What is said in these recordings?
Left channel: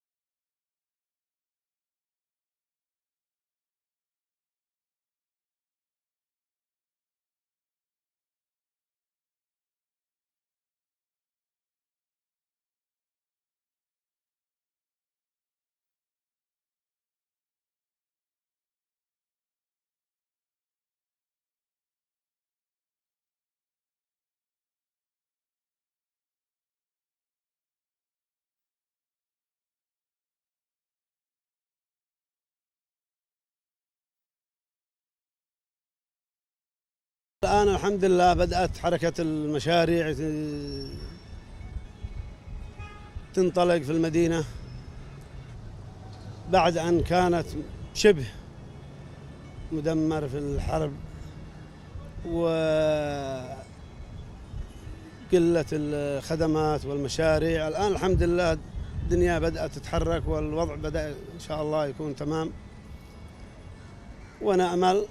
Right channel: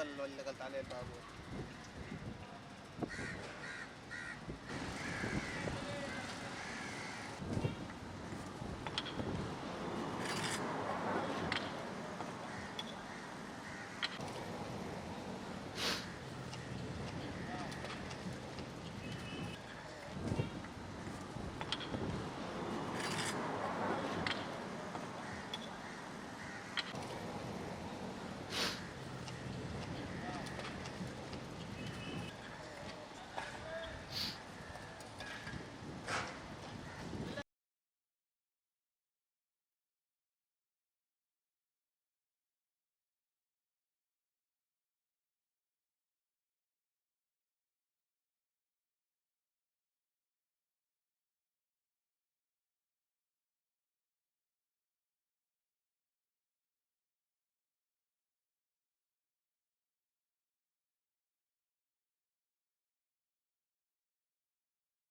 هذا اللي قلت عليه البابور. الآن الحمد لله بدأت حركة المشاريع تنطلق في المدينة بعد أن كانت شبه مدمر في الحرب وقلة الخدمات والمشاريع. الآن الحمد لله الدنيا بدأت تتحرك والوضع بدأ إن شاء الله يكون تمام، ونأمل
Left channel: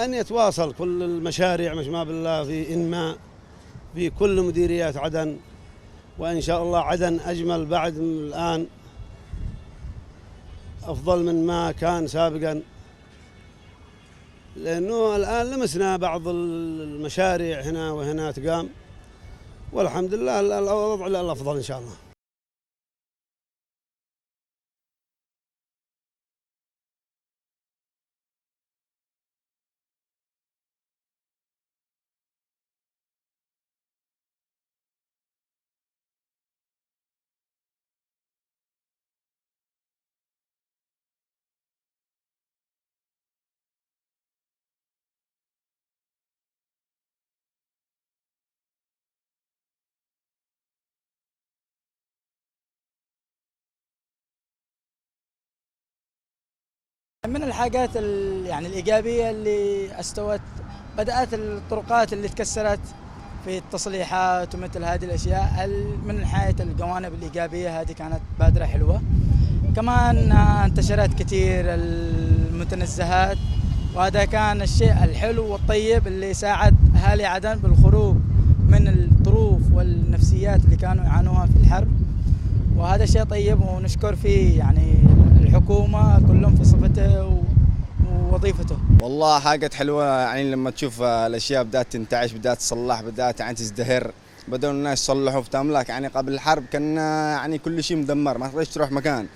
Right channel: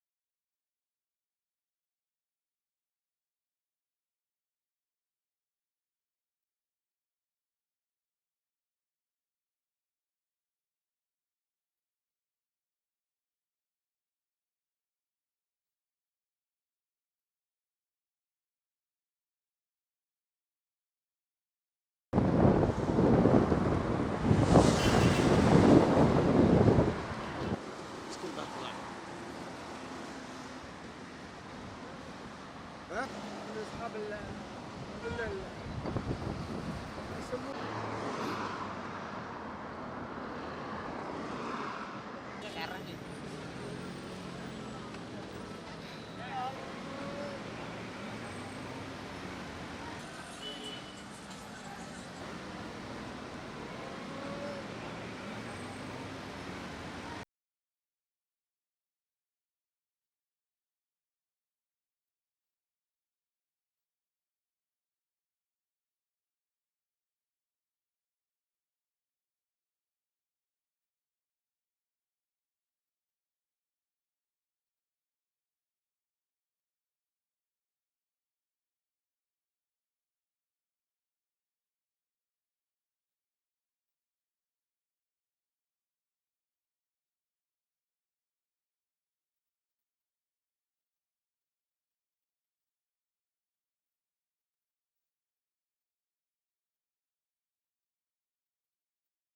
أن يتواصل كل المشاريع ما بالله في إنماء في كل مديريات عدن، وإن شاء الله عدن أجمل بعد من الآن، أفضل من ما كان سابقا، لأنه الآن لمسنا بعض المشاريع هنا وهنا تقام، والحمد لله الوضع الأفضل إن شاء الله. من الحاجات يعني الإيجابية اللي بدأت الطرقات اللي تكسرت في التصليحات ومثل هذه الأشياء. من ناحية الجوانب الإيجابية هذه كانت بادرة حلوة. كمان انتشرت كثير المتنزهات، وهذا كان الشيء الحلو والطيب اللي ساعد أهالي عدن بالخروج من الظروف والنفسيات اللي كانوا يعانوها في الحرب، وهذا شيء طيب ونشكر فيه يعني الحكومة كلهم في صفته ووظيفته. والله حاجة حلوة يعني لما تشوف الأشياء بدأت تنتعش، بدأت تصلح، بدأت يعني تزدهر، بدأوا الناس يصلحوا في تملاك. يعني قبل الحرب كان يعني كل شيء مدمر، ما تقدرش تروح مكان.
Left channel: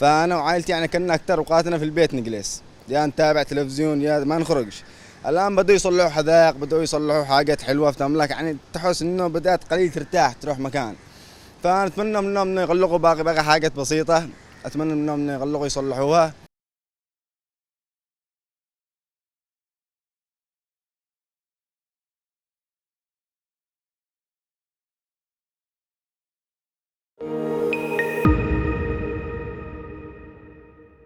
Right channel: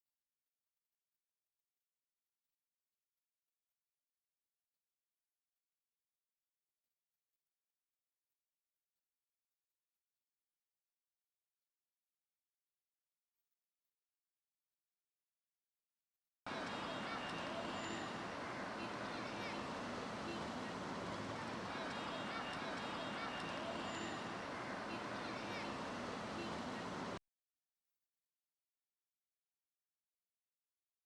فأنا وعائلتي يعني كنا أكثر أوقاتنا في البيت نجلس، يا نتابع تلفزيون يا ما نخرجش. الآن بدأوا يصلحوا حدائق، بدأوا يصلحوا حاجات حلوة في تملاك، يعني تحس إنه بدأت قليل ترتاح تروح مكان. فأنا أتمنى منهم إنه يغلقوا باقي حاجات بسيطة، أتمنى منهم إنه يغلقوا يصلحوها.